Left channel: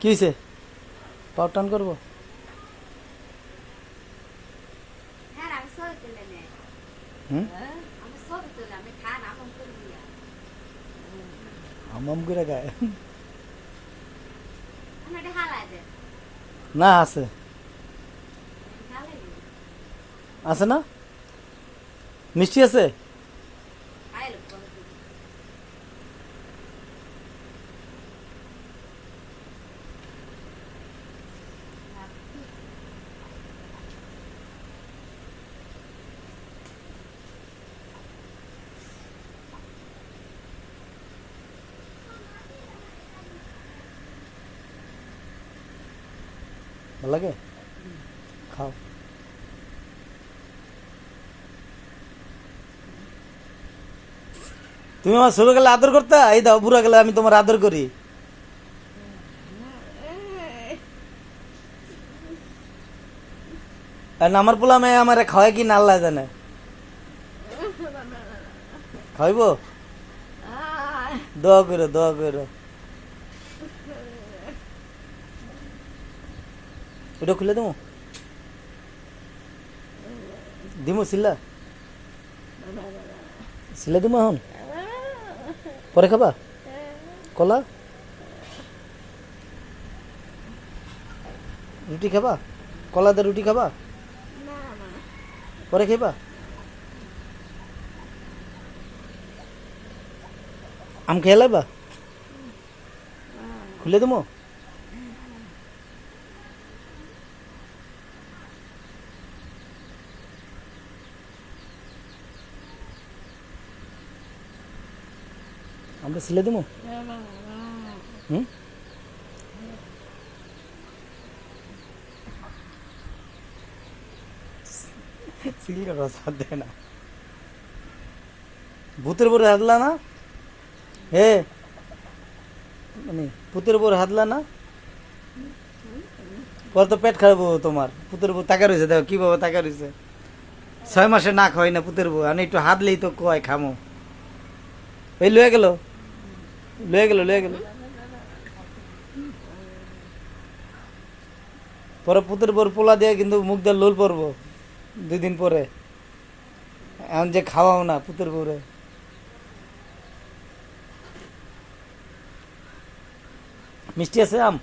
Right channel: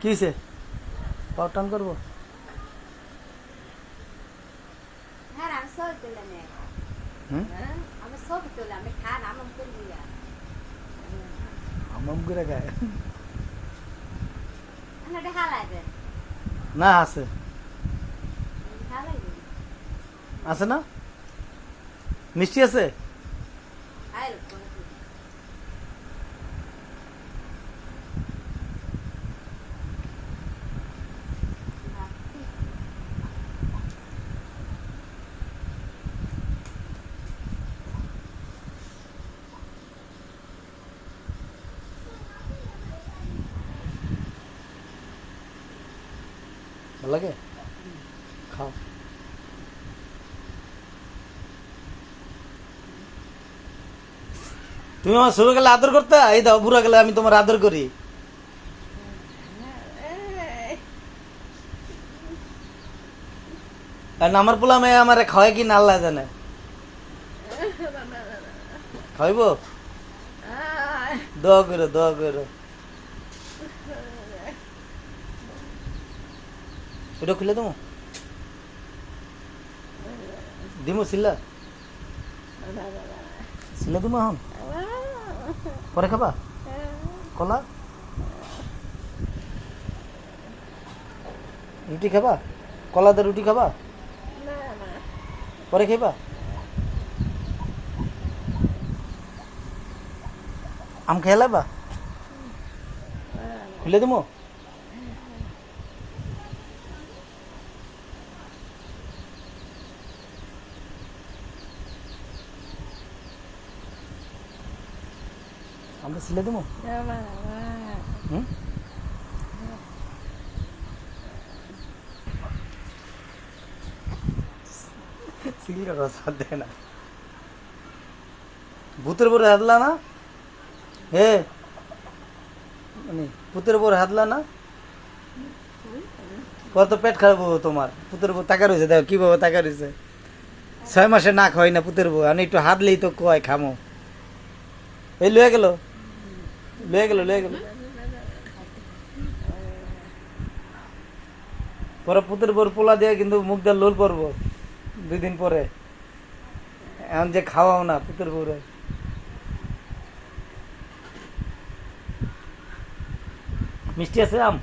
কি হয়েছে? পাওয়ার টান করবো? হুম, হামাম করে গায়ে না আছে, আছে না? মিষ্টি আছে? ভালো লাগে? খাও। তুমি আমার ছোট গেলে আদর করতে, এই দাও বুড়া গেলে আমি তোমার আদর করি। কারণ আমার পোলা মেয়ে আমার খাওয়াই কি না আল্লাহ জানে। খাইব? দোয়া করো, দোয়া করো। এটা খুলে দেবো? দিমু সিল্লা? সিল্লা দিমু এখন? পরে খাবা? কলা? রুটি খাবা? কলা দিয়ে রুটি খাবা? পরে খাইবা? আম খেয়ে লাইবা? খুলে দেবো? আমরা সিলে দেবো? হুম, সিলটা রসা দেয় না। ভূতের উপরে হাতলা না? হে ভূতের উপর হাতলা না? কত পেট খারাপ হবো তোমার। পুতের বউ তাকা রয়েছে, দেখো কিভাবে তাকা রয়েছে। 6 মাসে না খাওয়াই না পুতের বউ, আমি একটু হাতলেই তো কয় খামো। এই লয়ে গেল, লয়ে গেল, লয়ে গেল। পরে পুতের বউর পোলা দিয়ে কিন্তু মুখ দিয়ে লোল পড়বো 2 দিন পরে। এখন যে খাওয়াও না পুতের বউরে। মিষ্টি আছে আম?